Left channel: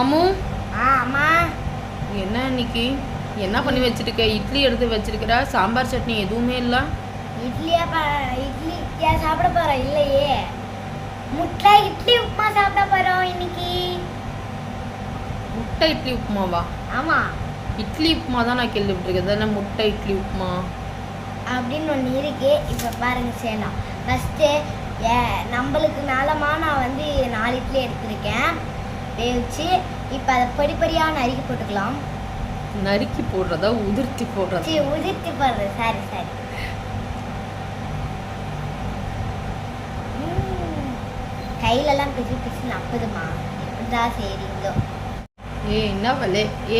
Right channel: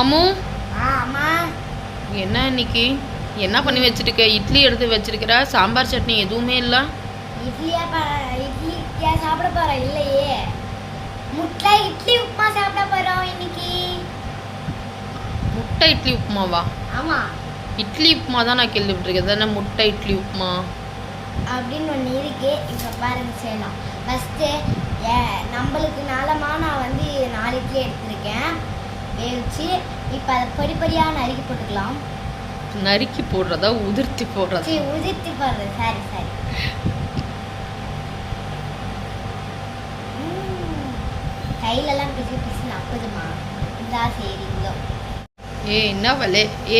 அம்மு, அம்மா என்ன இன்னைக்கு என்ன பண்ணி வச்சிருக்க? இட்லி எடுத்து வச்சிருக்கிற, சாம்பார் சட்னி எதுவுமே இல்லை. இட்லியா சாப்பிட போறோம்? இல்லையே, முட்டை இட்லி உப்புமா சாப்பிட போறோம் இன்னைக்கு. முட்டை இட்லி உப்புமாவா? ஆமா, இட்லி உப்புமா தான் நான் கேள்விப்பட்டிருக்கேன். தானே முட்டை இட்லி உப்புமா அப்படின்னு ஒன்று இருக்கு. இப்போ பாருங்க செய்யலாம். ஃபஸ்ட்டு நம்மளுக்கு மேலமா நான் வந்து 4 இட்லி எடுத்திருக்கேன் வேவிச்சு. இப்போ அதை படிப்படியாக நறுக்கி போட்டுக்கலாம். நறுக்கி போடுறதா உதிர்த்தி போடுறதா? உதிர்த்தி போடுறது, சாரி. கையிலலாம் பிசு பிசு நப்புதுமா. இதா சரிங்களோ?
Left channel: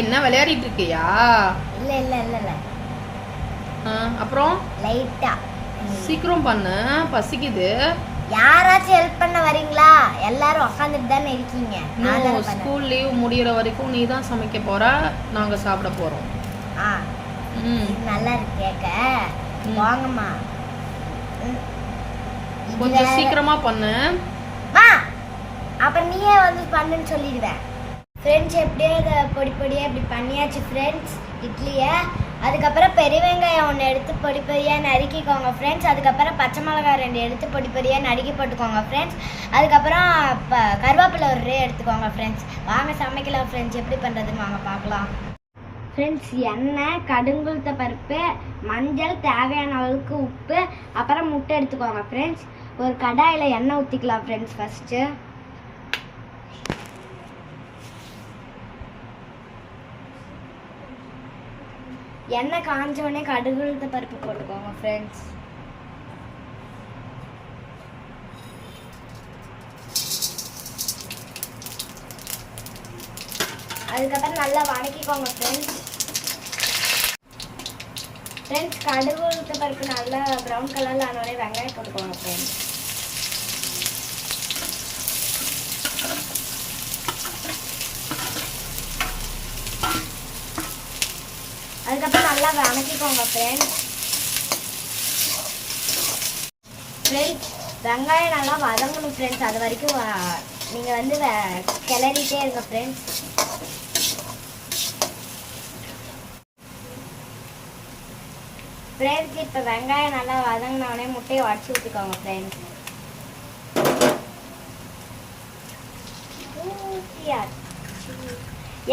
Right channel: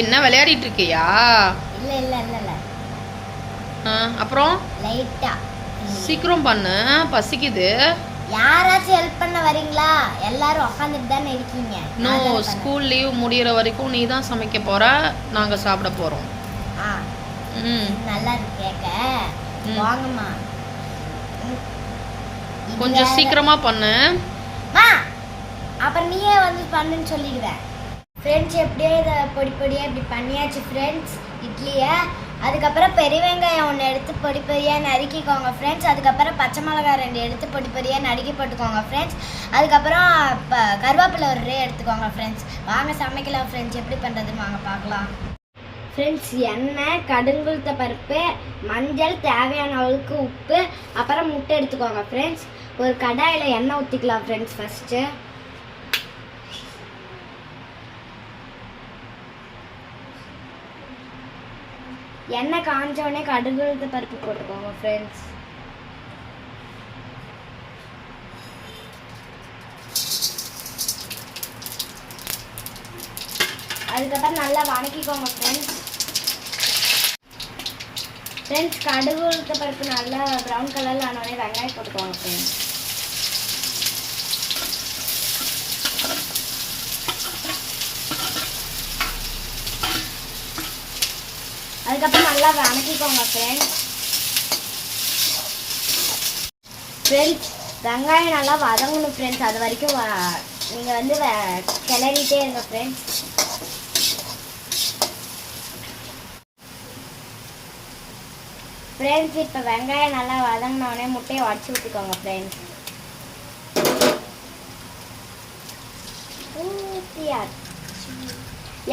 என்ன விளையாடிட்டு இருக்கியா? இல்ல அப்புறம் லைட்டா சீக்கிரம் பண்ணு, பசிக்குது. யாராச்சும் ஹெல்ப் பண்ண வரீங்களா? எல்லாரும் உட்காந்துட்டு தானே இருக்கீங்க. நோ, ஸ்கூல் லீவ் முடியற வரைக்கும் நீ தான் சமைக்க போற, நாங்க சாப்பிட போறோம். நல்லா இருக்கு கேட்க. வாங்கம்மா, கொஞ்சம் சீக்கிரமா பண்ணு. அப்புறம் நீயே வந்து பண்ணுன்னு சொல்லிடுவேன். ஃப்ரெண்ட்ஸ், எப்படியோ இதை பொடியாக இப்படி பண்ணியாச்சு ஃப்ரெண்ட்ஸ் இட்லியை. அதுக்கப்புறம் பெரிய வெங்காயம் 1 எடுத்து பொடியாக நறுக்கிக்கோங்க ஃப்ரெண்ட்ஸ். அதுக்கப்புறம் பச்சை மிளகாய் 2 எடுத்து பொடியாக நறுக்கி போட்டுக்கோங்க ஃப்ரெண்ட்ஸ். அதுக்கப்புறம் கருவேப்பிலை 1 எடுத்துக்கோங்க ஃப்ரெண்ட்ஸ். வாங்க சமைக்கலாம் ஃப்ரெண்ட்ஸ். எப்படி பண்ணுறதுன்னு வாங்க பார்க்கலாம் ஃப்ரெண்ட்ஸ். எண்ணெய், கடுங்குளுத்த பருப்பு, மஞ்சள், தேவையான அளவுக்கு உப்பு, அப்புறம் முட்டை எடுத்துக்கோங்க ஃப்ரெண்ட்ஸ். ஒரு கடாயில் எண்ணெய் ஊற்றிக்கலாம் ஃப்ரெண்ட்ஸ். ஃபஸ்ட்டு எண்ணெய் காஞ்சோடனே கடுகுளுத்த பருப்பு போட்டுக்கோங்க ஃப்ரெண்ட்ஸ். அதுக்கப்புறம் நல்லா வதக்கிக்கோங்க ஃப்ரெண்ட்ஸ். கடுகுளுத்த பருப்பு நல்லா ப்ரௌன் கலரில் ஆனோடனே வெங்காயம் போட்டுக்கோங்க ஃப்ரெண்ட்ஸ். அதுக்கப்புறம் நல்லா வதக்கிக்கோங்க ஃப்ரெண்ட்ஸ். வெங்காயம் நல்லா வதங்கணும் ஃப்ரெண்ட்ஸ். அது வரைக்கும் நீங்கள் வந்து கிளறிட்டே இருங்க ஃப்ரெண்ட்ஸ். இப்போ வெங்காயம் நல்லா வதங்கினோடனே முட்டையை உடச்சி ஊற்றிக்கோங்க ஃப்ரெண்ட்ஸ்.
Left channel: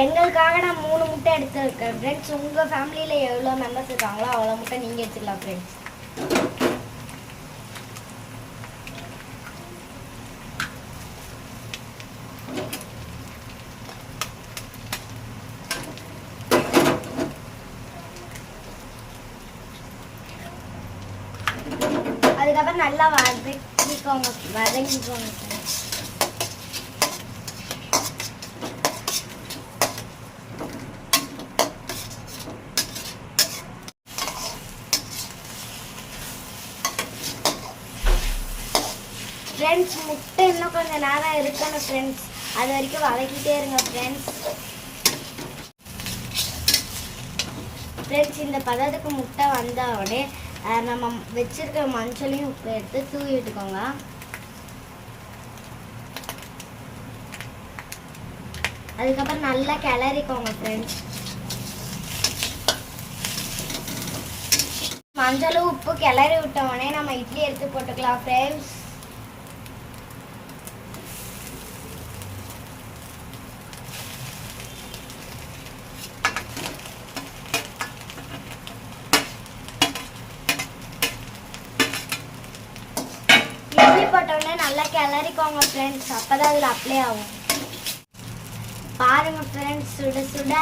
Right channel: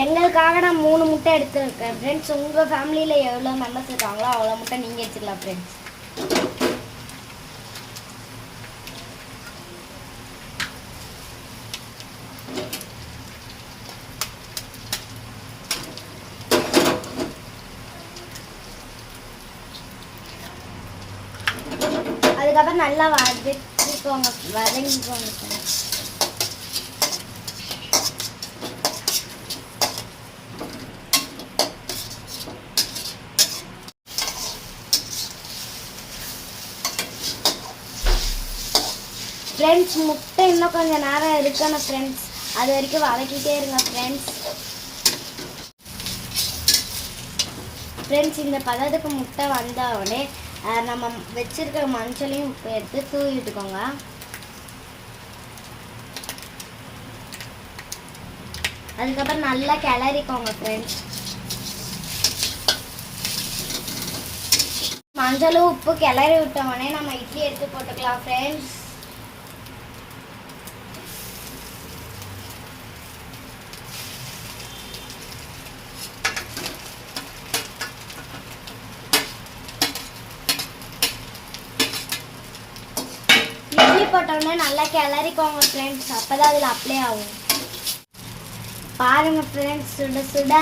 எங்களுக்காக நான் 3 முட்டை எடுத்துருக்கேன் ஃப்ரெண்ட்ஸ். உங்கள் ஃபேமிலியில் எவ்வளோ மெம்பர்ஸ் இருக்காங்களோ அவ்வளோ முட்டை நீங்கள் எடுத்துக்கலாம் ஃப்ரெண்ட்ஸ். அதுக்கப்புறம் நல்லா வதங்கிக்கோங்க ஃப்ரெண்ட்ஸ். முட்டை இன்னும் கொஞ்சம் நேரம் இருக்கணும் ஃப்ரெண்ட்ஸ். அது வரைக்கும் வதக்கிட்டே இருங்க ஃப்ரெண்ட்ஸ். இந்த பதத்துக்கு முட்டை வந்த உடனே நம்ம வச்சிருக்க மஞ்சளையும் உப்பு எடுத்து தூவி விட்டுக்கோங்க. அதுக்கப்புறம் நல்லா கிளறிக்கோங்க ஃப்ரெண்ட்ஸ். மஞ்சளும் உப்பு கிளறி விட்ட உடனே நம்ம இட்லி எடுத்து போட்டுக்கலாம் ஃப்ரெண்ட்ஸ். இட்லி போட்டோடனே நல்லா கிளறிக்கோங்க ஃப்ரெண்ட்ஸ். அப்போதான் அதில் அப்ளை ஆகும். பாருங்கள் ஃப்ரெண்ட்ஸ், சுட சுட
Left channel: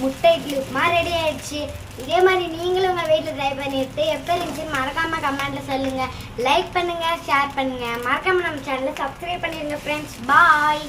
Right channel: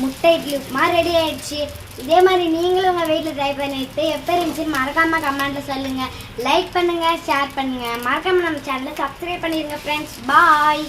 முட்டை இட்லி உப்புமா ரெடி ஆயிடுச்சு. இதே மாதிரி நீங்களும் உங்கள் வீட்டில் ட்ரை பண்ணிட்டு எப்படி இருந்துச்சுன்னு மறக்காமல் கமெண்ட்டில் சொல்லுங்கள். லைக் பண்ணுங்கள், ஷேர் பண்ணுங்கள். மறக்காமல் நம்ம சேனலை சப்ஸ்கிரைப் பண்ணிடுங்க ஃப்ரெண்ட்ஸ். பாய்.